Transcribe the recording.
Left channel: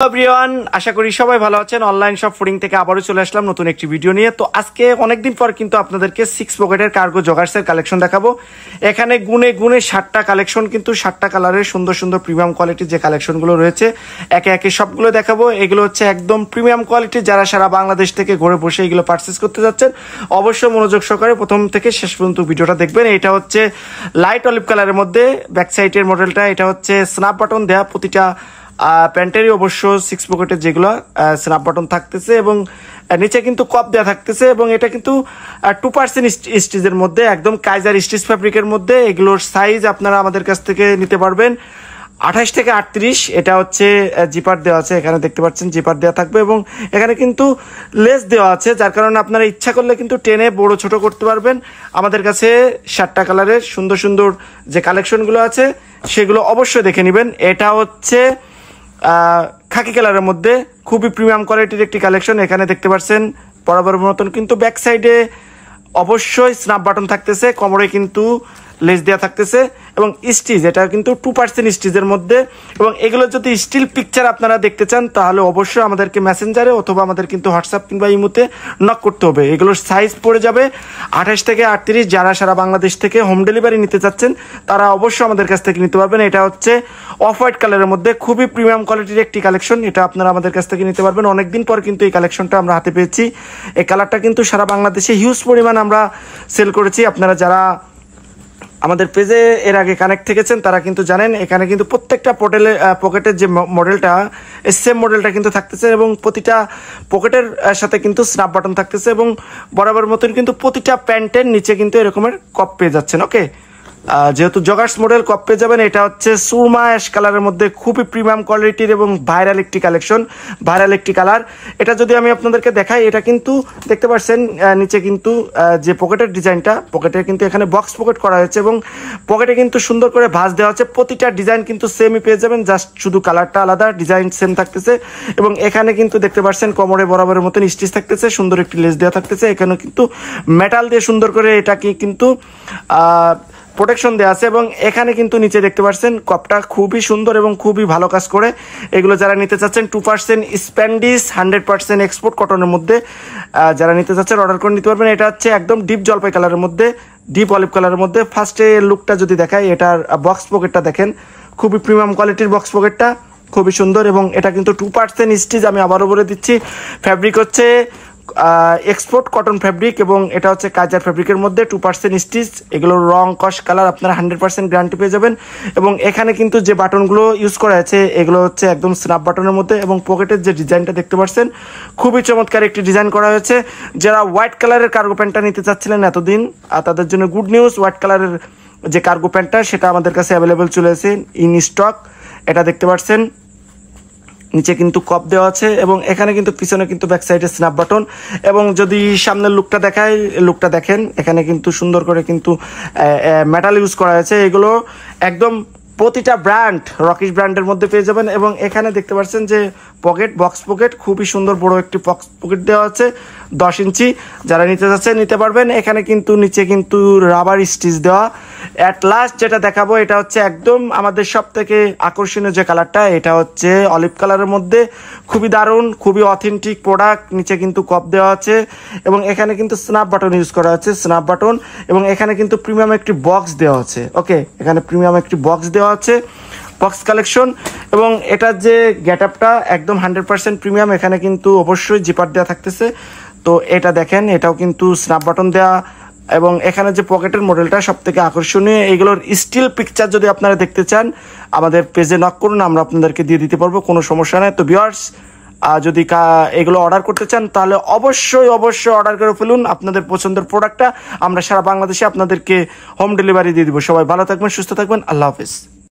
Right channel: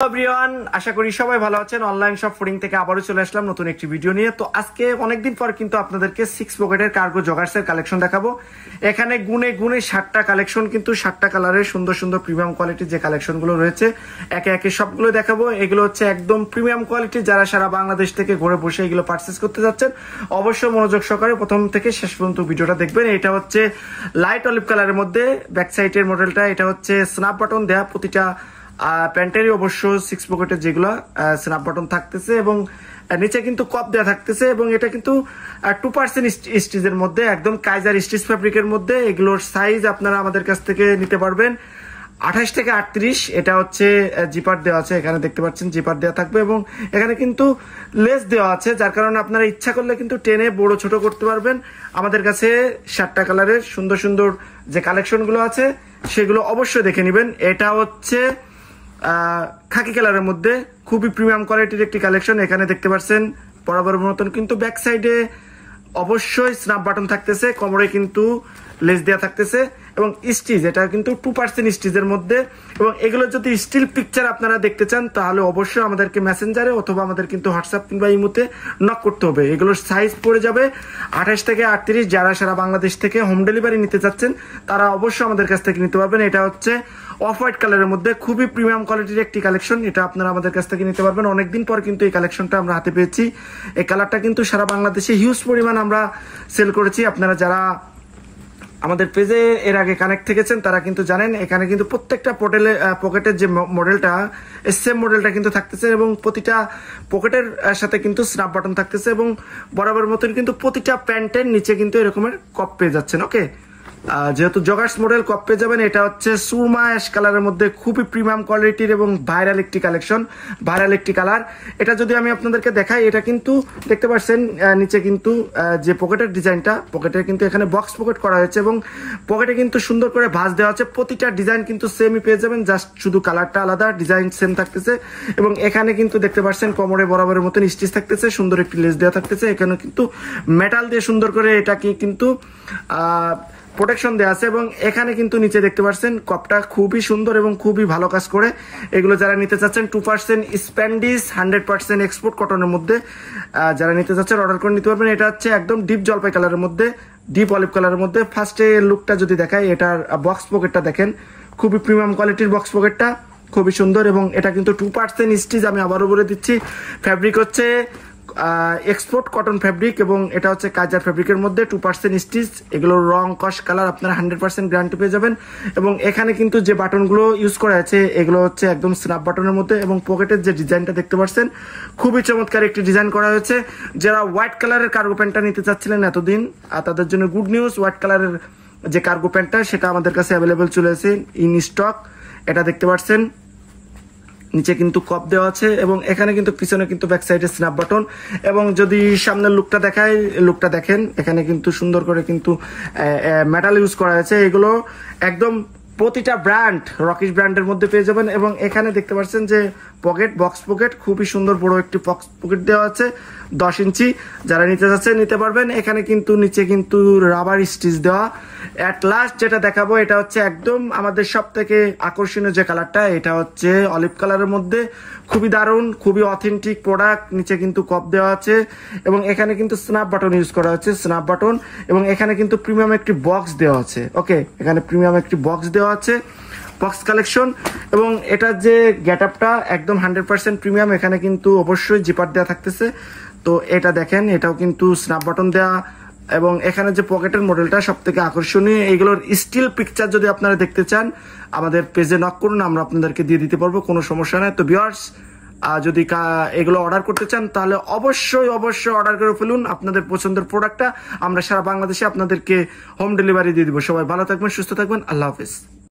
Everyone, আশা করি সবাই ভালো আছেন। অনলাইন শপ ফুডিং থেকে আবারও চলে আসলাম নতুন একটি ভিডিও নিয়ে। তো আজকে অনেকদিন পর কিন্তু আপনাদেরকে 6 পকেটের কার্গো জগার্সের কালেকশন দেখাবো। এখানে গুনে গুনে 60টা কালেকশন, কিন্তু 60টা কালারের সুন্দর সুন্দর প্রিমিয়াম কোয়ালিটির যে কালেকশনগুলো রয়েছে একে একে সবগুলো দেখাবো। এগুলো হচ্ছে একদম প্রিমিয়াম কোয়ালিটি। যারা সারা বাংলাদেশ থেকে ঘরে বসে এগুলো পারচেস করতে যাচ্ছেন অবশ্যই মনোযোগ সহকারে প্রথম থেকে শেষ পর্যন্ত ভিডিওটা দেখবেন। এটা হচ্ছে লাইট অলিভ কালারের মধ্যে ব্যাক সাইডের মডেলটা। এটা হচ্ছে স্ন্যাপ বাটন দেয়া, প্রতিটা প্যান্টেরই অবশ্য 6 পকেটের যেগুলো স্ন্যাপ বাটন থাকতেছে এবং নিচে কিন্তু কপ দেওয়া থাকতেছে। এবং এটা কিন্তু 2% স্টিচের মধ্যে, একদম কাইজার স্টিচ ফ্যাব্রিকের মধ্যে। এগুলোর সাইজ আপনারা আমাদের কাছ থেকে নিতে পারবেন 28 থেকে 38। এটা হচ্ছে জিপার দেওয়া আছে, এখানে দেখতে পাচ্ছেন জিপার দেওয়া থাকবে এবং এখানে কিন্তু লেস দেওয়া আছে, যার কারণে আপনারা ইচ্ছা করলে কিন্তু টেনে বড় ছোট করতে পারবেন। আমাদের কাছে 60টা কালারের সুন্দর সুন্দর যে কালেকশনগুলো আছে সেগুলো অবশ্যই দেখে নেবেন। এটা হচ্ছে খাকি কালারের মধ্যে খুবই প্রিমিয়াম কোয়ালিটির একটি কালেকশন। এখানে দেখতে পাচ্ছেন বরাবর মতন কিন্তু ব্যাক সাইডে অবশ্যই স্ন্যাপ বাটন থাকতেছে, কোমরে কিন্তু লেস দেওয়া থাকতেছে এবং স্টিচ, এটা কিন্তু 2% স্টিচের মধ্যে। এবং এগুলো যদি স্টিল পিকচার আপনারা দেখতে চান তাহলে অবশ্যই আমাদেরকে মেসেঞ্জারে অথবা আমাদের কিন্তু হোয়াটসঅ্যাপ কিংবা ইমোতে নক করতে হবে। এগুলোর সাইজ পড়ে যাবে 28 থেকে 38। যারা সারা বাংলাদেশ থেকে হোম ডেলিভারি নিতে চাচ্ছেন তারা অবশ্যই আমাদের কাছ থেকে নিতে পারবেন। এটা হচ্ছে অফ হোয়াইট কালারের মধ্যে খুবই প্রিমিয়াম কোয়ালিটির একটি কালেকশন। এটা আপনারা আমাদের কাছ থেকে নিতে পারবেন। অনেকদিন পর কিন্তু এই কালেকশনটা আমরা হাতে পেয়েছি। এই কালারটা কিন্তু সারা বাংলাদেশে হিউজ পরিমাণ আমরা সেল করেছি। আপনারা যারা আমাদের পেজে এর আগে কানেক্ট থেকেছেন তারা কিন্তু জানেন এখানে কিন্তু প্রত্যেকটা পকেটের যে মডেলটা সেম মডেলটা কিন্তু থাকতেছে এবং প্রতিটা পকেটের সাথে কিন্তু স্ন্যাপ বাটন থাকতেছে এবং বরাবর মতন কিন্তু প্রতিটা প্যান্টের নিচে কিন্তু এরকমের কপ পেয়ে যাচ্ছেন। ওকে, যেহেতু জগার্স মডেল কপ পেয়ে যাবেন। এটা হচ্ছে সুরমা অ্যাশ কালারের মধ্যে খুবই প্রিমিয়াম কোয়ালিটির এবং ভাইরাল একটি কালেকশন, ভাইরাল একটি কালার। এটা যদি আমি আপনাদেরকে দেখাই, এটা কিন্তু দেখতে পাচ্ছেন নিচে কিন্তু যে পকেটের ডিজাইনটা, পকেটে কিন্তু এখানে বক্স পকেট করা হয়েছে এবং পকেটে কিন্তু সুন্দর করে ভাঁজ দেওয়া আছে। প্রতিটা ডিজাইন কিন্তু সেমই পেয়ে যাবেন, জাস্ট শুধু কালারটা আলাদা, ডিজাইন সেম থাকতেছে। এবং এখানে কিন্তু দেখতে পাচ্ছেন কোমরে বরাবরের মতন স্টিচ থাকতেছে, সুন্দর একটি লেস দেওয়া থাকতেছে। এখানে কিন্তু মেটাল দিয়ে সুন্দর করে এটাকে কিন্তু প্রোটেকশন দেওয়া আছে এবং এখানে কিন্তু নিচে দেখতে পাচ্ছেন কপটা খুবই সুন্দর এবং খুবই ভালো কাজ করে। এগুলো যারা নিতে চাচ্ছেন 2% স্প্যান্ডিশ 100% এক্সপোর্ট কটনের মধ্যে যারা নিতে চাচ্ছেন অর্ডার করে নিতে পারবেন। এটা হচ্ছে একদম ডিপ জলপাই কালারের মধ্যে, ডিপ অলিভ কালারের মধ্যে। ফার্স্টে লুকটা যদি দেখাই, এটার বক্স পকেটটা দেখেন, খুবই প্রিমিয়াম কোয়ালিটির বক্স পকেটটা, খুবই সুন্দর। এবং এটা কিন্তু 2% স্টিচ, আমি আবারও বলে দিচ্ছি। ফ্যাব্রিক হচ্ছে এক্সপোর্ট কটন ফ্যাব্রিক এবং এটা হচ্ছে কাজার ফ্যাব্রিকের মধ্যে 2% স্টিচ। এগুলোর রং কস কালার আপনারা 100% গ্যারান্টি পেয়ে যাবেন। এবং এখানে কিন্তু যে বাটনগুলো ইউজ করা আছে এগুলো হচ্ছে একদম স্ন্যাপ বাটনের মধ্যে এবং পকেটের যে ডিজাইনটা দেখতে পাচ্ছেন খুবই চমৎকার একটি ডিজাইন করা হয়েছে। যারা হোয়াইট কালারের কার্গো প্যান্টটা নিতে চাচ্ছিলেন এতদিন, তাদের জন্য গুড নিউজ। হোয়াইট কালারের যে কার্গো প্যান্টটা সেটা আমাদের কাছে অ্যাভেলেবেল চলে এসেছে ইন স্টক। এটা দেখতে পাচ্ছেন নিচে কিন্তু কপ দেওয়া আছে এবং এখানে কিন্তু পিছনে কিন্তু ব্যাক সাইডে স্ন্যাপ বাটন। এবং যদি সামনের লুকটা দেখাই, লুকটা দেখেন, এখানে কিন্তু সুন্দর করে কিন্তু মেটাল ইউজ করা হয়েছে। এগুলো একদম প্রতিটা ব্র্যান্ড রকিশ ব্র্যান্ডের মধ্যে পেয়ে যাবেন। এবং এখানে দেখতে পাচ্ছেন যে পকেট, বক্স পকেট, খুবই সুন্দর বড় একটি বক্স পকেট দেওয়া আছে 10 ইঞ্চি। যারা নিতে চাচ্ছেন নিতে পারবেন। এখানে কিন্তু নিচে কিন্তু রাবার স্টিচ দেওয়া। অ্যাট লাস্ট যেটা দেখাবো এটা হচ্ছে একদম আমাদের সব থেকে আকর্ষণীয় যে কালারটা, এটা হচ্ছে অলিভ কালারের মধ্যে, খুবই দারুণ, খুবই অথেন্টিক প্রোডাক্ট। নিচে কিন্তু কপ দেওয়া আছে এবং এখানে কিন্তু স্ন্যাপ বাটন ইউজ করা আছে, স্ন্যাপ বাটন। এবং এখানে কিন্তু প্রিমিয়াম একটি বক্স দেওয়া আছে। ওকে, এখানে প্রিমিয়াম একটি বক্স দেওয়া আছে, বক্স কালেকশন। এবং এটার যে গেট আপটা একদম 100% প্রিমিয়াম। এখানে কিন্তু অবশ্যই জিপার দেওয়া থাকতেছে। তো এটা দেখেন, এটাও কিন্তু স্ন্যাপ বাটন দেওয়া এবং এখানে যে পকেটের মডেলটা সব থেকে আকর্ষণীয়। এইগুলোর স্টিল পিকচার যদি আপনারা দেখতে চান আমাদের পেজে নক করুন, আমরা আপনাদেরকে দিয়ে দিতে পারবো, কোনো সমস্যা নেই। তো ভিউয়ার্স, যদি এগুলো অর্ডার করতে চান তাহলে অবশ্যই অবশ্যই অর্ডার করে ফেলুন আপনাদের পছন্দের প্রোডাক্টটা। আমরা সারা বাংলাদেশে আপনাদেরকে হোম ডেলিভারি দিয়ে দিব। সবাই ভালো থাকবেন, সুস্থ থাকবেন, আল্লাহ হাফেজ।